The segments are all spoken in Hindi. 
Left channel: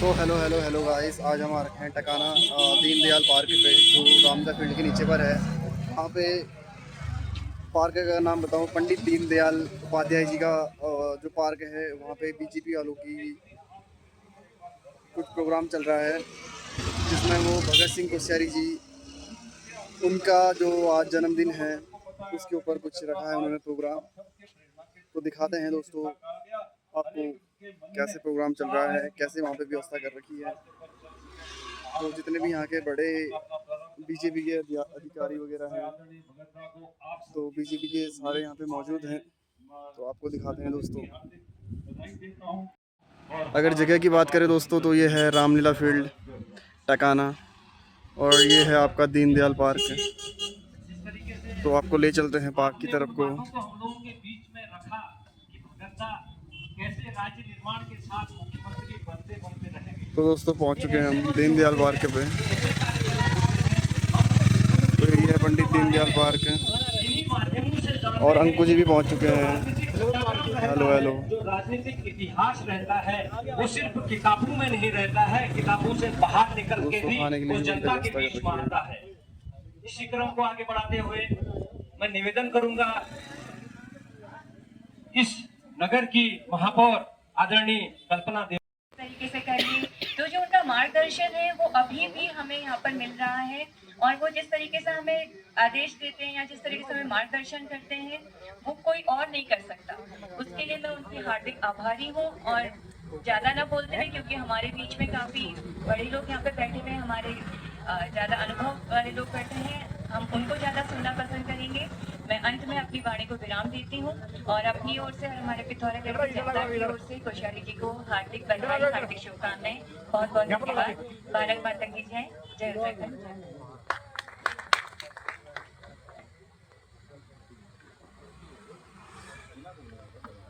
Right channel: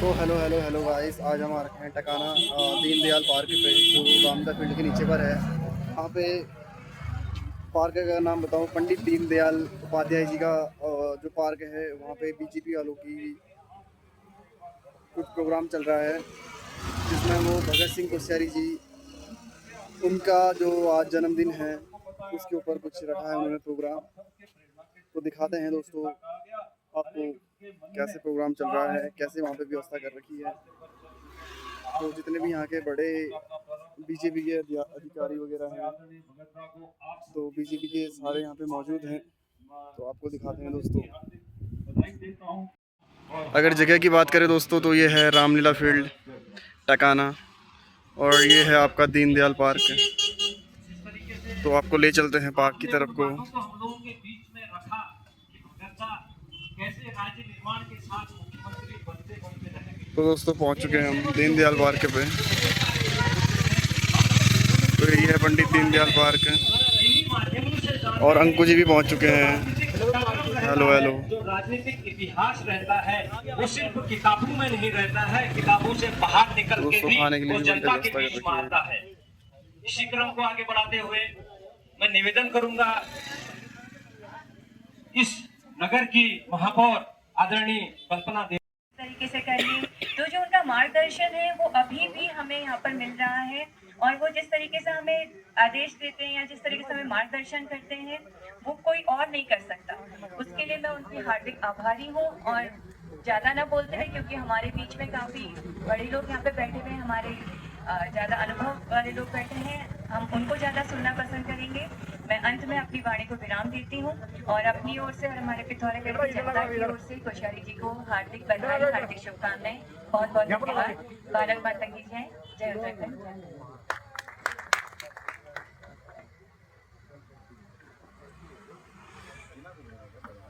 तो हेलो गाइस, आज हम आ रखे हैं टकाना दीनदयाल पार्क पे, जो रामदा फील्ड के नीचे पर है। वहाँ पे पार्क का नाम बताऊँ, पंडित दीनदयाल उपाध्याय जी का जो पार्क है, वहाँ पे बीजेपी वालों की कुछ प्रोग्राम चल रहा है, जिसमें वो भगत सिंह कोश्यारी जी, उनका जो आज जन्मदिन है उसके ऊपर कुछ रखा है उन्होंने प्रोग्राम। तो दिखाते हैं दोस्तों आपको कैसे प्रोग्राम चल रहा है, कैसे वहाँ पे व्यवस्था कर रखी है। तो जितने भी यहाँ के बड़े बीजेपी के अधिकारी वगैरह हैं, तो बीजेपी के सारे यहाँ पे मौजूद हैं। तो आपको दिखाते हैं दोस्तों। अगर जगह की बात करें दोस्तों, तो ये है रामलीला फील्ड टकाना, और ये है आपका दीनदयाल पार्क। तो आपको ले चलते हैं पार्क की तरफ को। तो दोस्तों पहुंच चुके हैं हम दीनदयाल पार्क पे। तो ये है पंडित दीनदयाल पार्क, और अंकु जी भी पहुंच चुके हैं। हेलो। जो राजनीतिक इतिहास रहता है वो सिर्फ किताबों में नहीं रहता है, किताबों से बाहर निकल के भी वो जनता के बीच में आता है। इसी क्रम को आगे बढ़ाते हुए मैं निवेदन करूंगा इस नगर की महापौर आदरणीय कल्पना तरीके से करिए। तो जो उनका मार्गदर्शन है वो अभी भी हमें यहाँ पर मिल रहा है, और वो जिस तरीके से हमें आदेश देते हैं या जिस तरीके से हमें मार्गदर्शन करते हैं वो कोई और नहीं कर सकता। उसके लिए मैं उनकी हार्दिक आभारी हूँ। और ज़्यादा ना बोलते हुए, क्योंकि हमारे बीच में काफ़ी बड़े लोग यहाँ पे बैठे हुए हैं, हमारे ज़्यादा अनुभव वाले लोग बैठे हैं, हम उनको ज़्यादा सुनना पसंद करेंगे। मैं अंत में अपनी वाणी को विराम देती हूँ, और अपनी ओर से और हमारे पिथौरागढ़ की जनता की ओर से कोश्यारी जी को हार्दिक बधाई, हार्दिक शुभकामनाएं, बहुत बहुत धन्यवाद। भारत माता की जय। जय उत्तराखंड।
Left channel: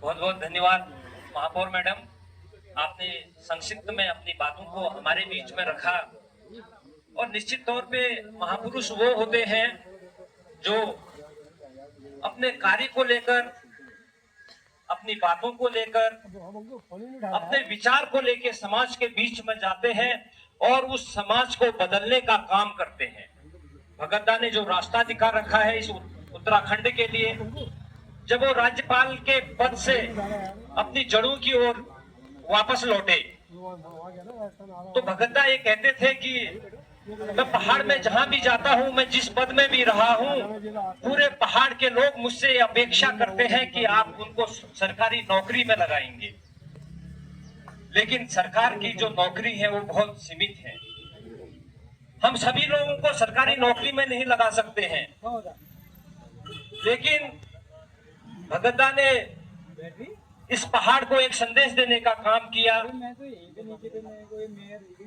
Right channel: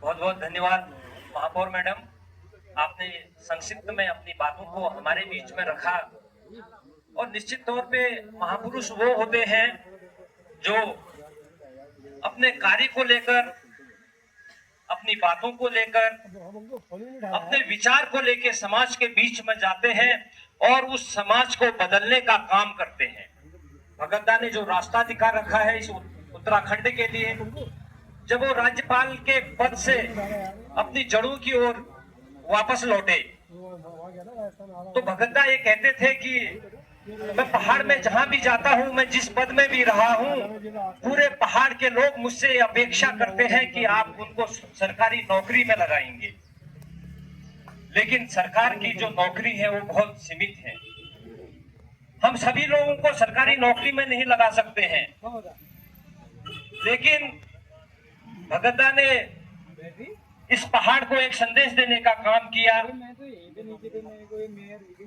बहुत बहुत धन्यवाद महापौर मैडम, आपने संक्षिप्त में अपनी बातों को हमारे बीच में रखा। और निश्चित तौर पे महापुरुष वो होते हैं जो अपने कार्य को लेकर, अपनी बातों को लेकर, अपने विचार को लेकर समाज के बीच में जाते हैं और उस समाज को बदलने का काम करते हैं। भगत दा ने जो रास्ता दिखा रखा है इस उत्तराखंड के लिए, जब वो राज्यपाल के पद से अपनी जड़ों की ओर वापस लौटे, तो भगत दा ये कहते थे कि मैं पहाड़ में जहां भी जाता हूं, मैं जिस पद में भी रहा हूं, पूरे पहाड़ के लोग मुझसे अपेक्षा करते हैं कि आप उनको सरकारी नौकरी में लगाएंगे। लेकिन सरकार की जो नौकरी है वो बहुत सीमित है। हम सभी लोगों को सरकारी नौकरी में नहीं लगा सकते हैं। लेकिन भगत दा ने इस पहाड़ को एक संदेश देने का काम किया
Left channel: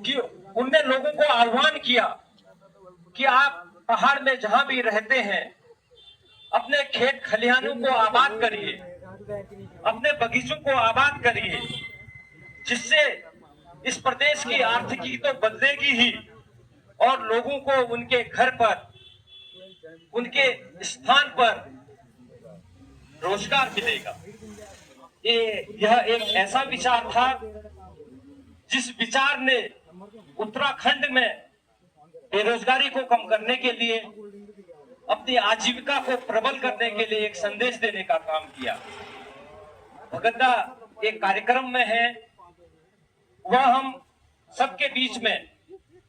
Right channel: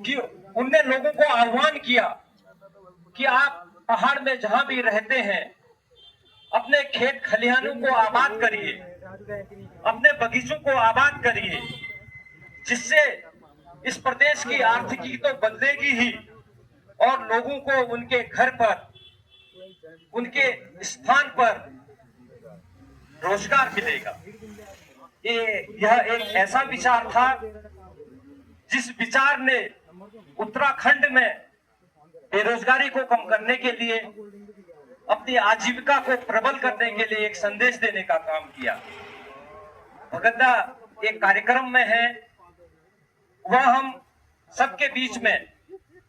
कि उनने लोगों को आह्वान किया कि आप पहाड़ में जहां भी रहते हैं अपने खेत खलिहानों को आबाद करिए, अपने बगीचों को आबाद करिए, जिससे इस प्रदेश की आर्थिकी तो बदलेगी ही और लोगों को उनके घर पर, उनके स्थान पर रोजगार मिलेगा। यह एक ऐसा विचार था जिस विचार ने उत्तराखंड में बेरोजगारी को कम करने के लिए, अपनी आजीविका को प्रबल करने के लिए एक संदेश देने का काम किया। भगत दा एक कार्यक्रम में है, वह हम सबके बीच में,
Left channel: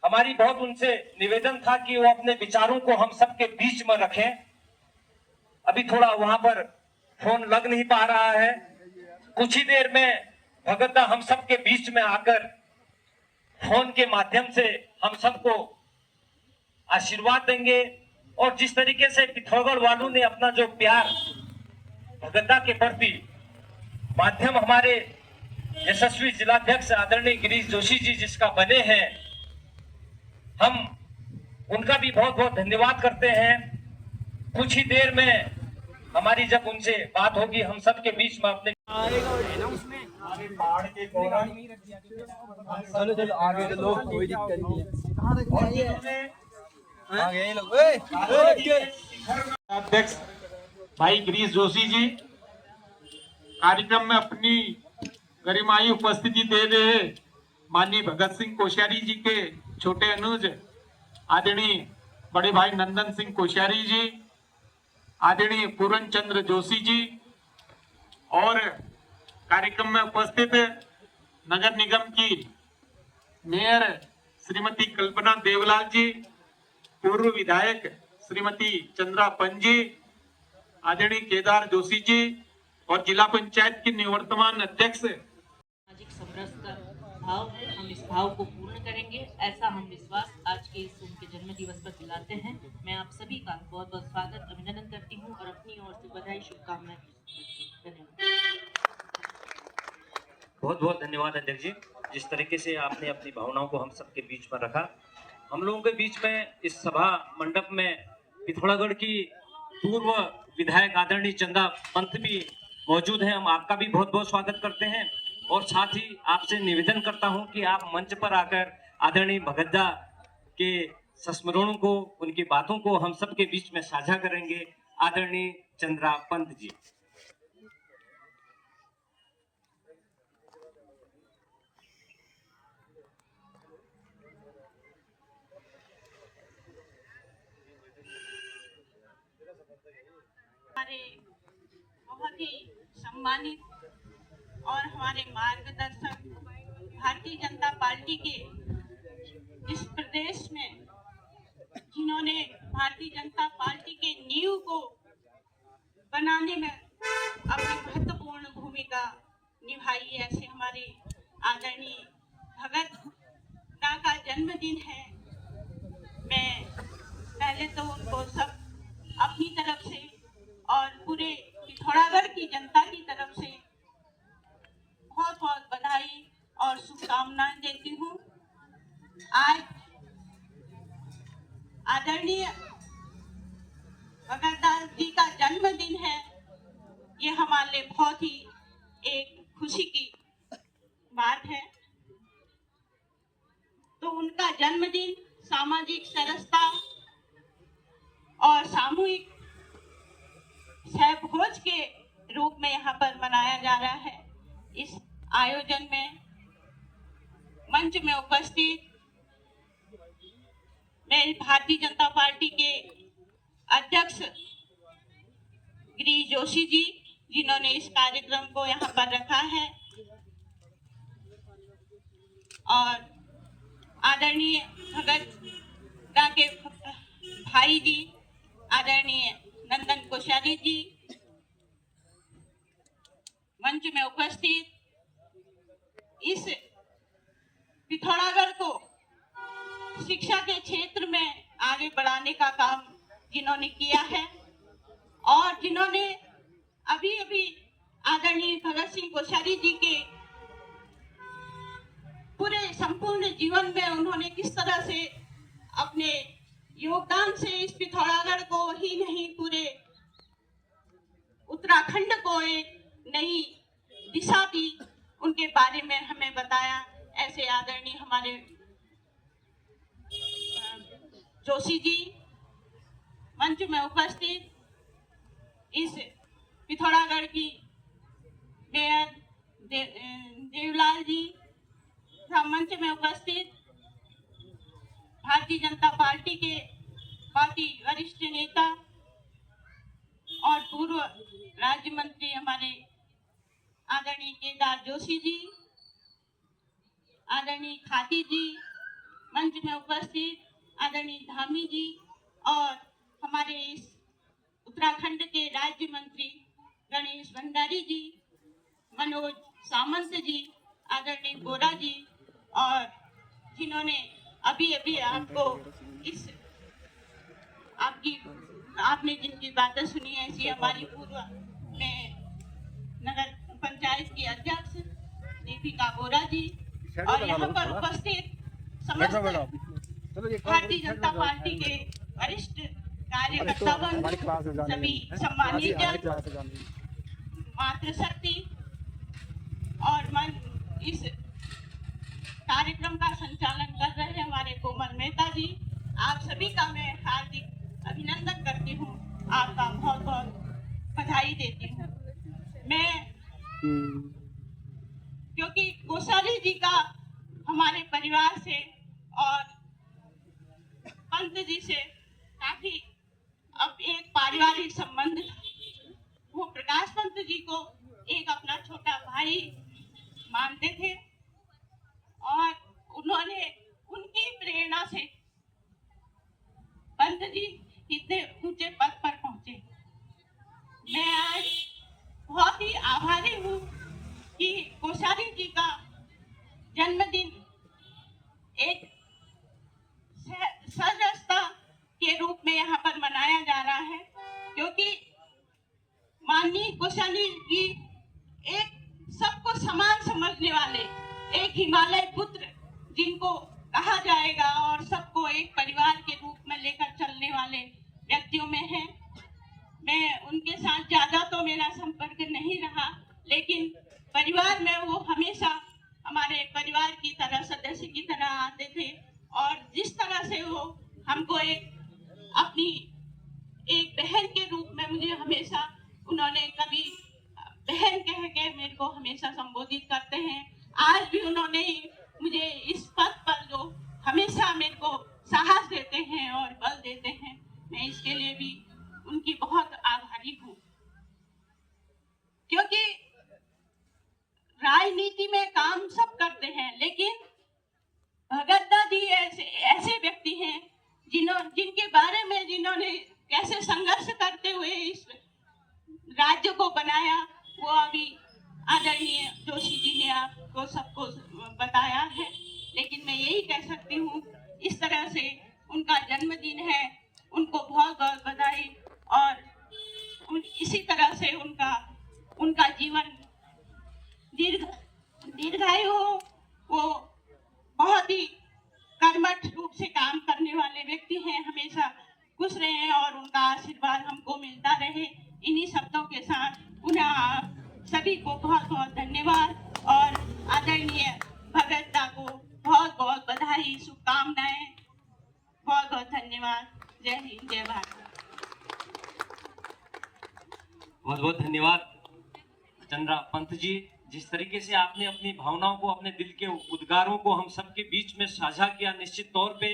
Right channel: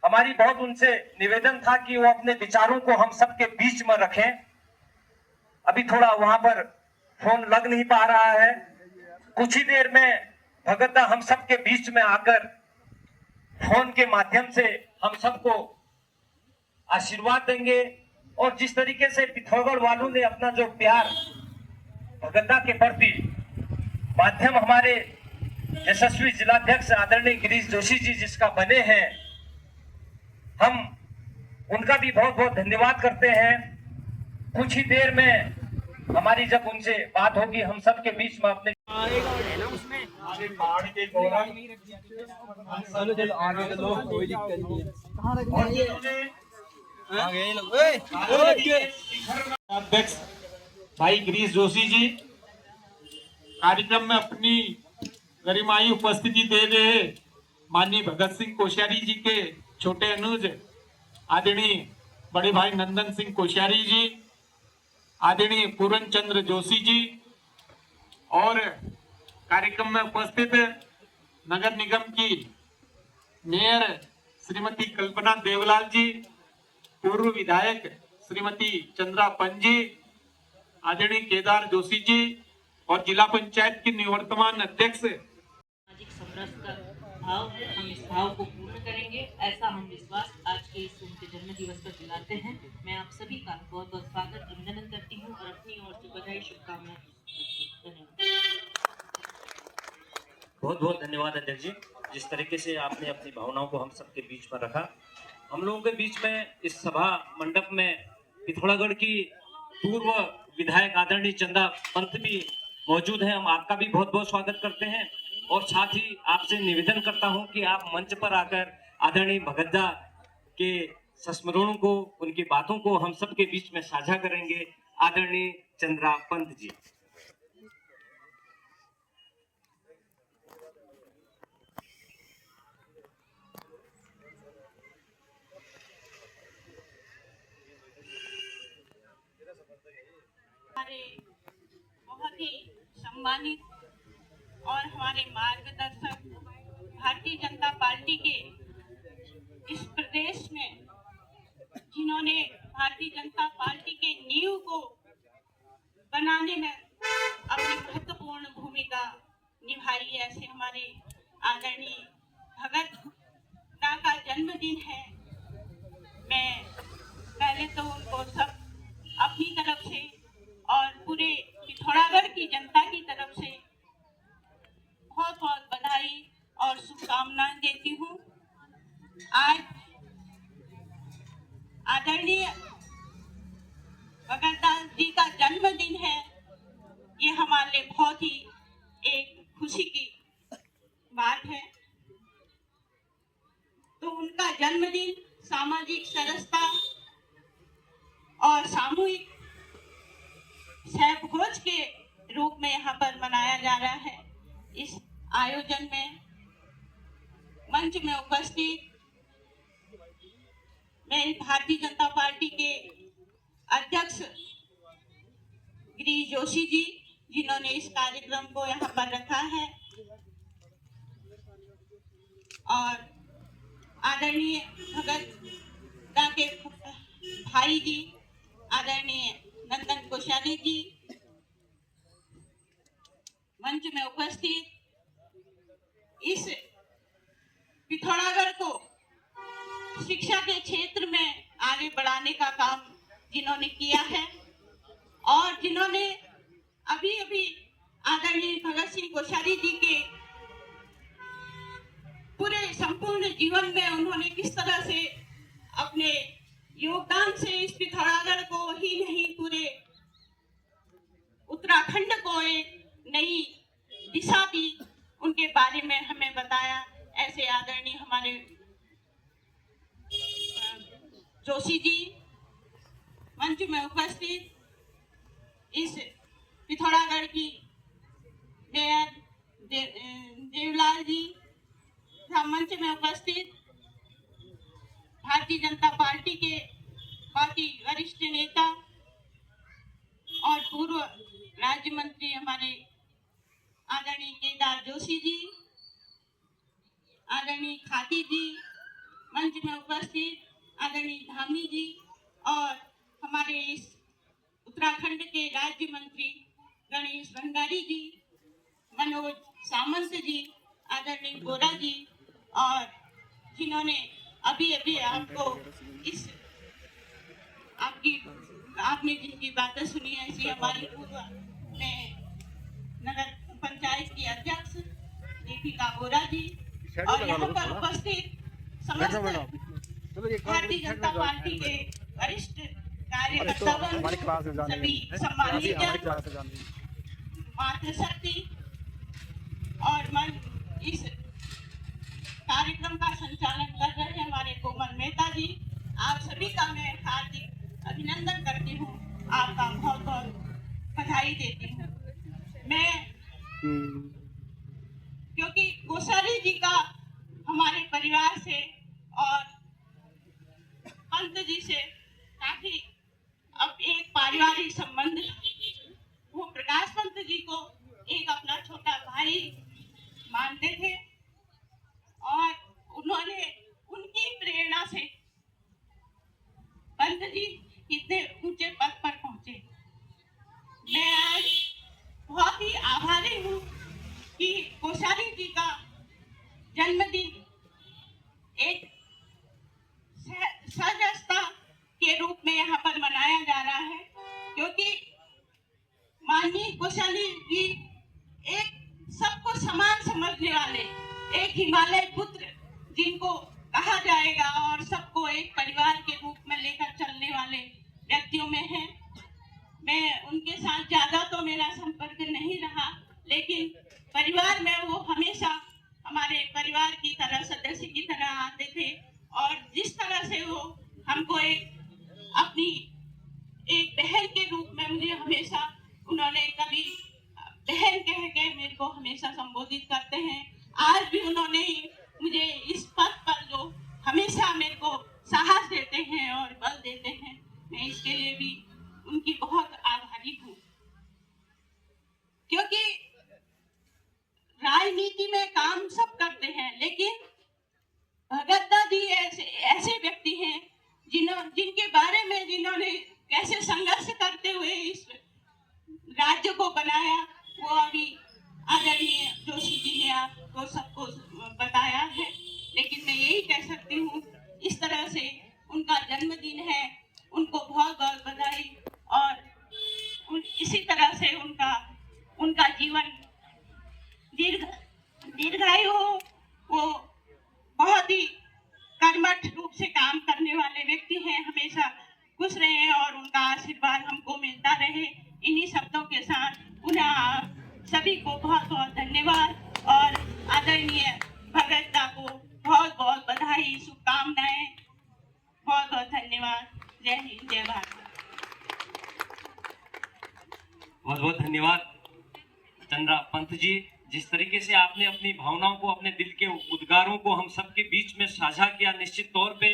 हमारी बहुत उनसे निवेदन था कि वो अपने विचारों को हम सबके बीच में रखें। अभी थोड़ा वहां पर फोन लग नहीं पा रहा है। कुछ ही देर में भगत दा हम सबके बीच में आकर फोन के माध्यम से हम सबको आशीर्वाद देंगे। और जिस तरीके से पिथौरागढ़ वालों ने अपना जो प्यार भगत दा के प्रति, माध्यम हमारे यशस्वी जिलाध्यक्ष आदरणीय गिरीश जोशी जी जिसका बने हैं, हम उनका भी बहुत बहुत धन्यवाद करते हैं। कुछ ही देर में हमारी जब उनसे बात होगी, हम सबके बीच में अपने चलो आगे चलो, कोई दिक्कत नहीं है। अध्यक्ष भाई गिरीश जोशी जी कार्यक्रम में अपनी गरिमाई उपस्थिति दे रहे माननीय भगत सिंह कोश्यारी जी के छोटे अनुज आदरणीय बड़े भाई नंदन सिंह कोश्यारी जी, आदरणीय पूरन चंद्र जोशी जी और कार्यक्रम में उपस्थित नगर निगम की मेयर श्रीमती कल्पना देवलाल जी, पूर्व विधायक श्रीमती चंद्रा पंजी, आदरणीय केदार जोशी जी और जिला पंचायत की निवर्तमान अध्यक्ष। सामाजिक समरस का भाव है, हम इस भाव को पूर्ण करेंगे, ऐसा हम विश्वास आज के इस उनके जन्म दिवस पर दिलाते हैं। मैं आप सभी का बहुत बहुत स्वागत अभिनंदन करती हूँ और अपनी ओर से बधाई शुभकामनाएं। धन्यवाद। बहुत बहुत धन्यवाद अध्यक्ष जी, जिस तरीके से आपने अपनी भावनाओं को हम सबके बीच में रखा। हम लोगों के बीच में इस सभा मंडप में पिथौरागढ़ की पूर्व विधायक आदरणीय चंदा पंत भी मौजूद हैं। हम आपका भी बहुत बहुत स्वागत करते हैं और साथ ही आपसे निवेदन करता हूं कि आप मंच पर आकर आदरणीय भगतदा के संस्मरणों को, उनकी बातों को हम सबके बीच में साझा करेंगे। आदरणीय चंद्रा पंत जी। हमारे बहुत ही सम्मानित और हमारे मार्गदर्शक भारतीय जनता पार्टी के इस प्रदेश में, जिन्होंने भारतीय जनता पार्टी के नींव को बनाने में अपनी महत्वपूर्ण भूमिका निभाई है, ऐसे हमारे आदरणीय भगत का जन्मदिन है। मैं पहले तो उनको सब अपनी तरफ से और पूरे पिथौरागढ़ की जनता की तरफ से बहुत बहुत बधाई और शुभकामनाएं देती हूँ। आज आदरणीय भगतदास जी का जन्मदिन है, ये हमारे लिए बहुत ही एक खुशी की बात है। तो उनका जन्मदिन सामाजिक सरसता और सामूहिक सहभोज के रूप में यहाँ पर मनाया जा रहा है। इस आयोजन में मंच में उपस्थित मेरी भारतीय जनता पार्टी के अध्यक्ष गिरीश जोशी जी, जिन्होंने इस कार्यक्रम को यहाँ पर रखा है, और आदरणीय भगत दा के भाई जी आदरणीय नंदन कोश्यारी जी, मंच में उपस्थित इस पिथौरागढ़ को शिक्षा के क्षेत्र में आगे बढ़ाने का काम जिन्होंने किया है और जिन्होंने अभी अभी आदरणीय भगत सिंह कोश्यारी जी के पूरे संपूर्ण जीवन में उन्होंने किस तरह से अपने योगदान से इस पिथौरागढ़ को ही नहीं पूरे उत्तराखंड को एक नई दिशा दी, उनके बारे में हमें बताया। ऐसे आदरणीय हमारे जोशी जी, मंच में उपस्थित इस पिथौरागढ़ की मेयर देवलाल जी, मंच में उपस्थित भारतीय जनता पार्टी के बहुत ही वरिष्ठ नेता और पूर्व राज्य मंत्री हमारे आदरणीय केदार जोशी जी, आदरणीय खाती जी, मंच में उपस्थित आदरणीय धामी जी और हमारे इस उत्तराखंड के राज्य मंत्री गणेश भंडारी जी, मनोज सामंत जी, आदरणीय गोरा जी, और जिन्होंने अभी अभी आपको इस आपने जिनकी बातें सुनी है, ऐसी हमारी पूर्व में नगर पंचायत की अध्यक्ष दीपिका गोरा जी और यहाँ पर उपस्थित समस्त भारतीय जनता पार्टी के वरिष्ठ कार्यकर्तागण, सभी सम्मानित मातृशक्ति और मन इस कार्यक्रम का संचालन कर रहे हैं हमारे कोमल मेहता जी, आप सभी का मैं हार्दिक अभिनंदन करती हूँ, आपका बहुत बहुत बधाई देती हूँ। मैं क्योंकि कोश्यारी जी का हमारे परिवार से और पंत जी से काफी अब एक पारिवारिक संबंध, वो प्रकाश पंत जी को एक अपना छोटा भाई मानते थे और उन्होंने उनकी प्रेरणा से पंत जी कितने ऊंचे पद पर पहुंचे। मैं आज बहुत ही आभारी हूँ कि कोश्यारी जी का जन्मदिन एक सहजता के रूप में यहाँ पर मनाया जा रहा है, क्योंकि माननीय कोश्यारी जी एक सबको समान समझने वाले, एक हिमालय पुत्र जिनको कहा जाएगा और सबको एक परिवार के रूप में लेकर चलने वाले व्यक्तियों में है। मैं उनके साथ ज्यादा तो मेरा संपर्क नहीं रहा, लेकिन परिवार में वो हमेशा हमारे परिवार की तरह, सदस्य की तरह आते थे और जिस तरह से वो हमको अपनी एक बहन के रूप में मुझे हमेशा उन्होंने कभी बहन कह के मेरे को हमेशा संबोधित करते हैं। आज भी उन्होंने मुझे इस पद पर जो हमेशा मेरे को साहस देते हैं और बल देते हैं, मैं इसके लिए भी उनकी बहुत आभारी हूँ। क्योंकि राजनीति में काम सब करते हैं, लेकिन भगत जी ऐसे व्यक्ति हैं जिनके बारे में जिन्होंने कैसे संघर्ष करते हुए इस राज्य को बनाया, वो अभी आदरणीय जोशी जी ने आपको सबको बताया है। लेकिन मैं यही कह सकती हूँ, इस तरह से उनका जन्मदिन है, उनको बहुत बहुत बधाई और इसी तरह से उनका जीवन दीर्घायु हो। वो बहुत ही कर्मठ रूप से काम करने वाले व्यक्ति हैं, हमेशा खुश रहे और उनका आशीर्वाद हमको मिलता रहे। इन्हीं शब्दों के साथ पुनः सभी को बहुत बहुत धन्यवाद और आदरणीय भगत दा को बहुत बहुत बधाई, शुभकामनाएं, बहुत बहुत धन्यवाद। जय हिंद, जय भारत। बहुत बहुत धन्यवाद चंद्रा पंत जी। जिस तरीके से आपने अपनी भावनाओं को, अपने दिल के उद्गारों को हम सबके बीच में साझा किया, निश्चित तौर पे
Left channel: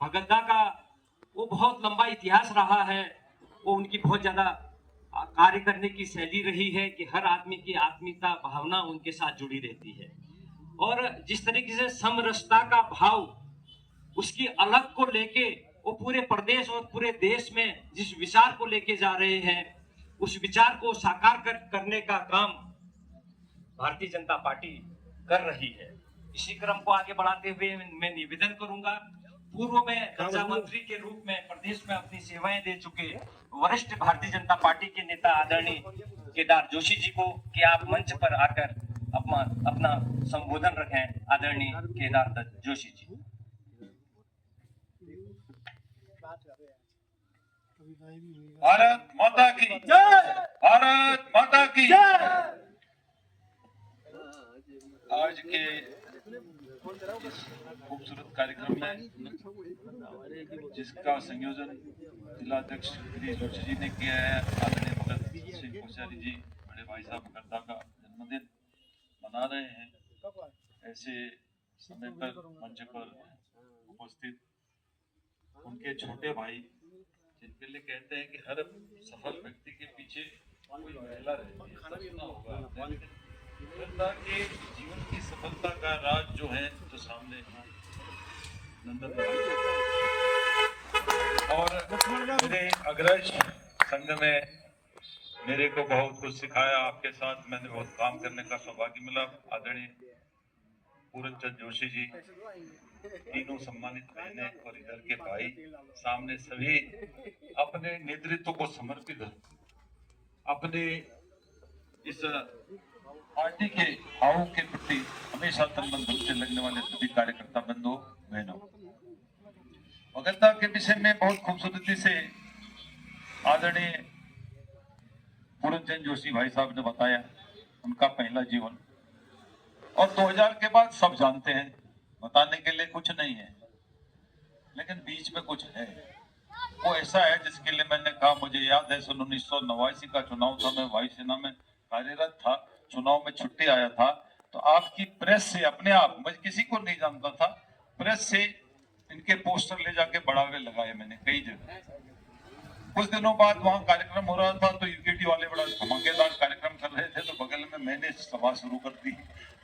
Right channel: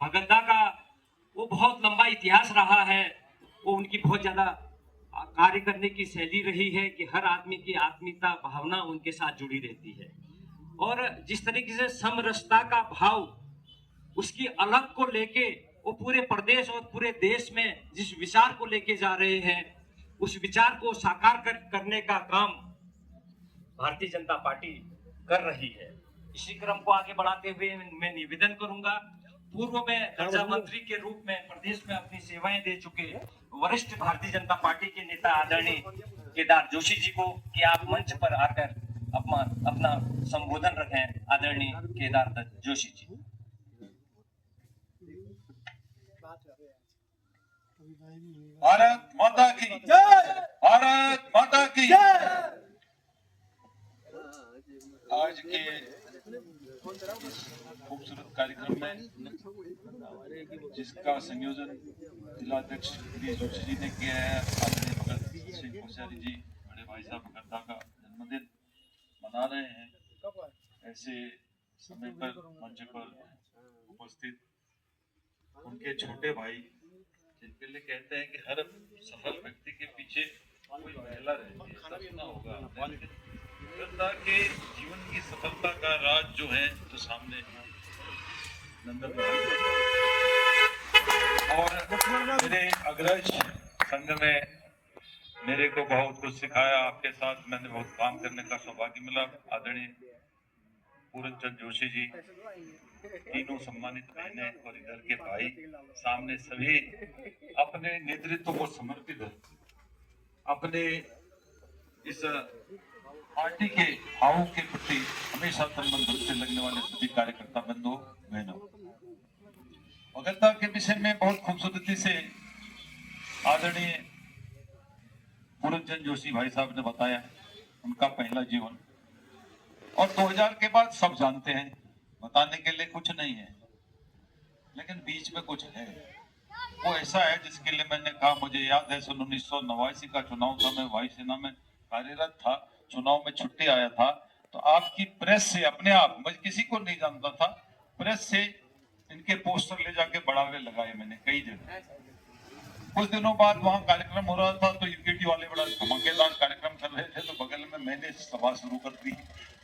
भगत का वो बहुत लंबा इतिहास रहा है। वो उनकी बहुत ज्यादा कार्य करने की शैली रही है कि हर आदमी की आत्मीयता भावना उनके साथ जुड़ी रहती है। और जिस तरीके से समरसता का भाव उसकी अलग को लेके वो पूरे प्रदेश और पूरे देश में जिस विचार को लेके जा रहे हैं, उस विचार को साकार करने का काम भारतीय जनता पार्टी कर रही है। इसी क्रम को आगे बढ़ाते हुए मैं निवेदन करूंगा, पूर्व में ऊर्जा मंत्री के रूप में प्रदेश में अपनी सेवाएं दे चुके वरिष्ठ भारतीय जनता पार्टी के नेता आदरणीय केदार जोशी जी को कि आप मंच पर आकर अपना संबोधन रखें। आदरणीय केदार दत्त जोशी जी। भारत माता की जय, भारत माता की जय। आज के इस खूबसूरत कार्यक्रम में जिसका संयोजन जिलाध्यक्ष गिरीश जोशी जी ने किया है, आदरणीय भगत सिंह कोश्यारी जी बड़े भाई साहब भगत का जन्मदिन मना रहे हैं। ऐसे समय पर मंच पर उपस्थित उनके छोटे भाई, जिनके लिए कहते हैं कि हर सफल व्यक्ति के पीछे कोई महिला रहती है, सपना होगा के जीवन की सफलता का राज जो है तो सामने नंदन और मेरे अग्रज संघ में मेरे को बहुत कुछ सिखाया। आपके साथ मैंने बहुत काम करने का सौभाग्य मिला। आदरणीय पूरनचंद जोशी जी, तीनों सम्मानित बहनें और इधर के भाई, सामने सभी अपने नेतृत्व को समर्पित है। अपने इस पार्टी के भावों के प्रति हमेशा तन मन धन से लगने वाले सभी कार्यकर्ता बंधुओं बहनों, भगत के विषय में बहुत खूबसूरती से आदरणीय पूरनचंद जोशी भाई साहब ने बताया उनका पहला जीवन। और 2000 के बाद सब जानते हैं, बताने के लिए कुछ नहीं है, लेकिन बीच में कुछ है। वो ऐसा है जिसके लिए मैंने कहा, मुझे याद है सन 1989 का चुनाव था, मैं वायुसेना में कार्यरत था, चुनाव में छुट्टी आया था, तो आपकी प्रेस से अपने आप, मैं किसी को नहीं जानता था, प्रेस से इनके पोस्टर ले जाके बढ़ावे लगाए मैंने कई जगह। कुछ दिनों बाद वहां कार्यक्रम हो रहा था तो यूकेटी वाले बड़ा धमाकेदार कार्यक्रम कर रहे थे, तो बगल में मैंने सभा शुरू कर दी।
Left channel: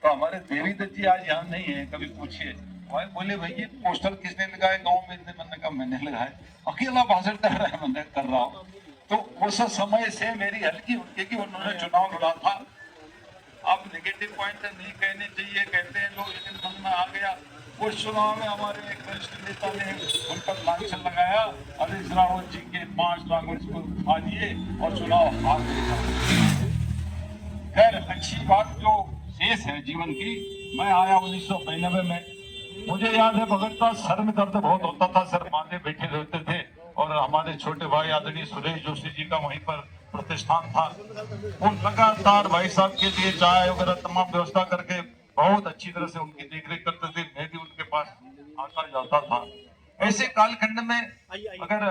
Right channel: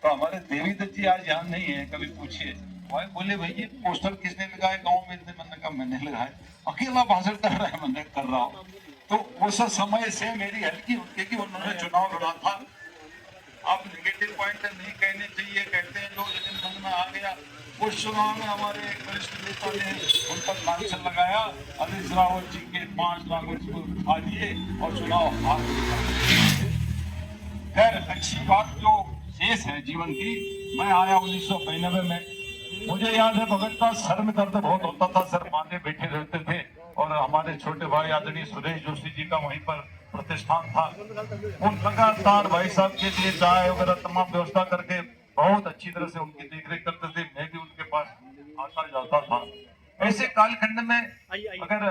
तो हमारे देवी दत्त जी आज यहाँ नहीं है, कभी पूछिए भाई, बोले भाई ये पोस्टर किसने लगाए गांव में? मैंने कहा मैंने लगाए, अकेला भाषण कर रहा है, मैंने कर रहा हूँ। तो उस समय से मेरी हल्की उनके कि उन्होंने चुनाव लड़ा था। अब नेगेटिव पॉइंट नहीं कहने चाहिए, कहते हैं लोग, लेकिन मन में आ गया। उस चुनाव में हमारे एक वरिष्ठ नेता ने उन पर लांछन लगाया, हरीश रावत जी के 5 लाख को खा दिए और चुनाव हार गए। खैर अच्छी बात जो शेष है जीवन की, मैं आया 1992 में। मुझे याद है भगत सर में दर्द बहुत होता था, सर बांधे बैठे रहते थे, और हमारे छोटे भाई आदरणीय सुरेश जोशी जी का वहीं पर प्रतिष्ठान था। वो लगातार भाई साहब के लिए चाय वगैरह तमाम व्यवस्था करके बहुत अच्छी तरह से उनकी देखरेख करते थे। मैं भी उनके पास आता जाता था। ऐसे कालखंड में अगर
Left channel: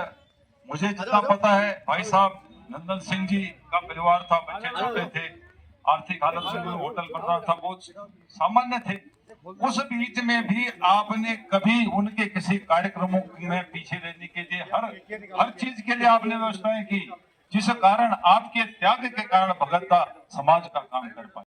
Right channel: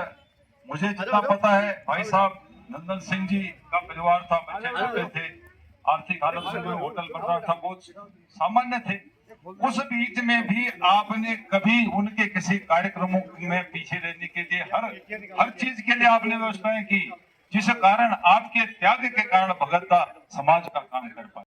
मुझे जितना पता है, भाई साहब नंदन सिंह जी का परिवार था, बच्चे छोटे थे, आर्थिक हालत से भी होटल बन रहा था, बहुत सामान्य थे। उस बीच में भी आपने कभी उनके किसी कार्यक्रमों में पीछे रहने के लिए हर चीज के लिए आपने व्यवस्थाएं की, जिस कारण आपके त्याग के कारण भगत समाज का काम कर पाए।